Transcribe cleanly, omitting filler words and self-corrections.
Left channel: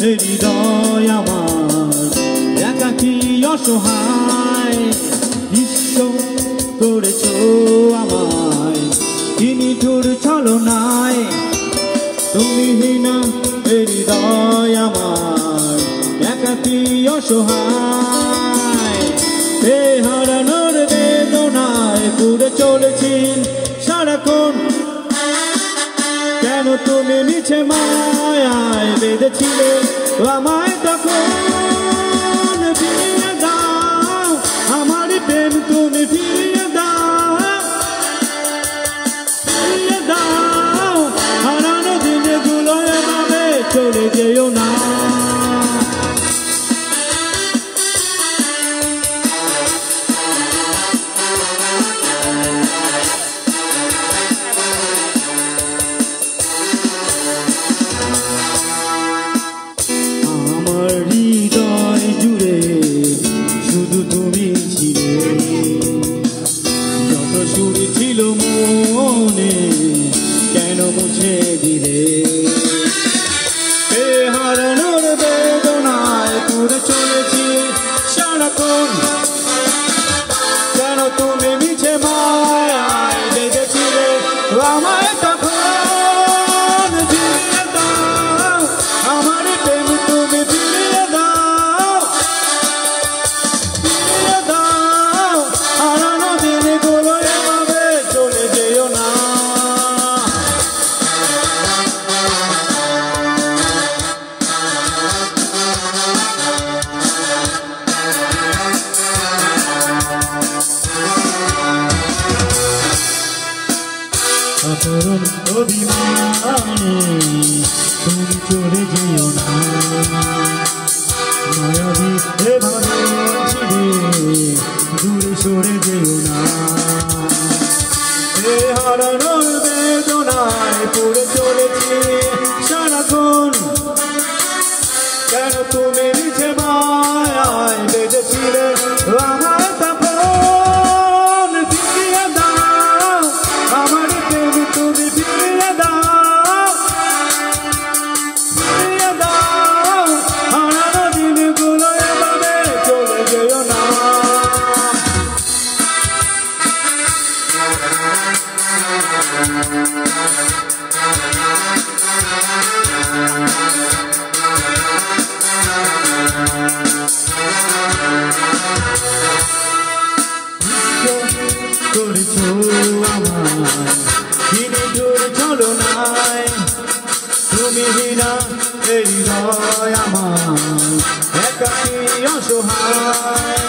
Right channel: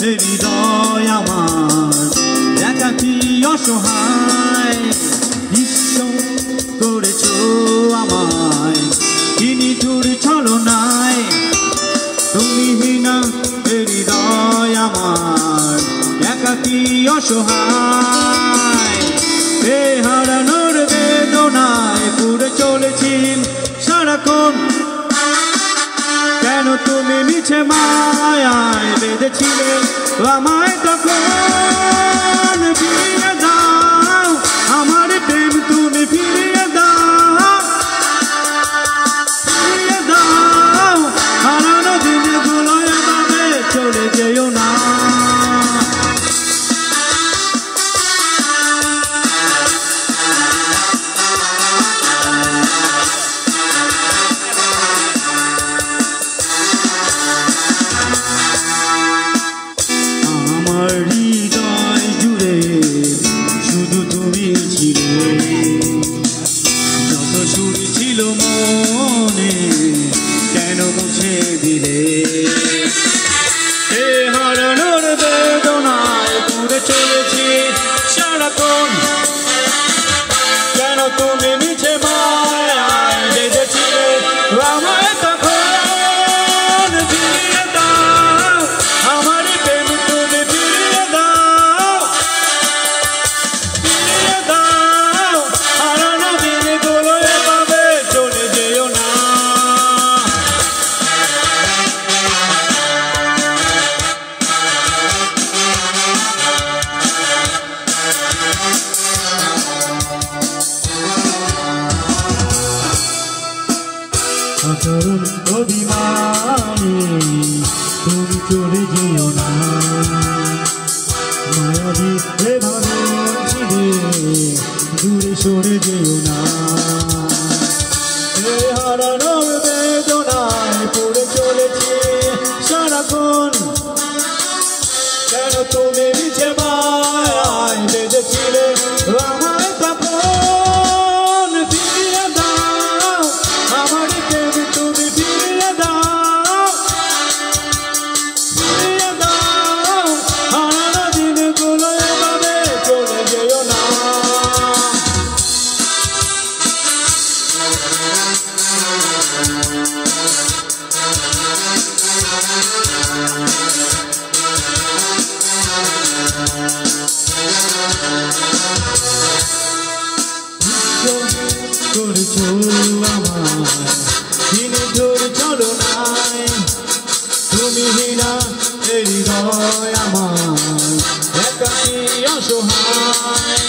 হৃদয় আমার একাকী অসহায় বিশ্ব করেছ আমায় নিঠুর ছলনায় তুমি হীনা হৃদয় আমার একাকী অসহায় এ হারানোর বেদনায় পুড়ে চলেছি সারাক্ষণ কেন তুমি মিছে মায়ায় বেঁধেছিলে আমায় তখন ফিরিয়ে দাও আমার প্রেম তুমি ফিরিয়ে দাও হারানো দিনগুলো এভাবে চলে যেও না হৃদয় জুড়ে শুধু তুমি ছিলে যত সুর ছিল মনে কেন মুছে দিলে এ হারানোর বেদনায় পুড়ে চলেছি সারাক্ষণ কেন তুমি মিছে মায়ায় বেঁধেছিলে আমায় তখন ফিরিয়ে দাও আমার প্রেম তুমি ফিরিয়ে দাও হারানো দিনগুলো এভাবে চলে যেও না অতরুণ অভিমানে তুমি চলে যেও না মায়াবী এভাবে ছিড়ে দূরে সরে যেও না এ হারানোর বেদনায় পড়ে চলেছে সারাক্ষণ কেন তুমি নিচে মায়ায় বেঁধেছিলে আমার তখন ফিরিয়ে দাও আমার প্রেম তুমি ফিরিয়ে দাও হারানো দিনগুলো এভাবে চলে যেও না করেছ আমার নিঠুর ছলনায় তুমি হীরা হৃদয় আমার একাকী অসহায়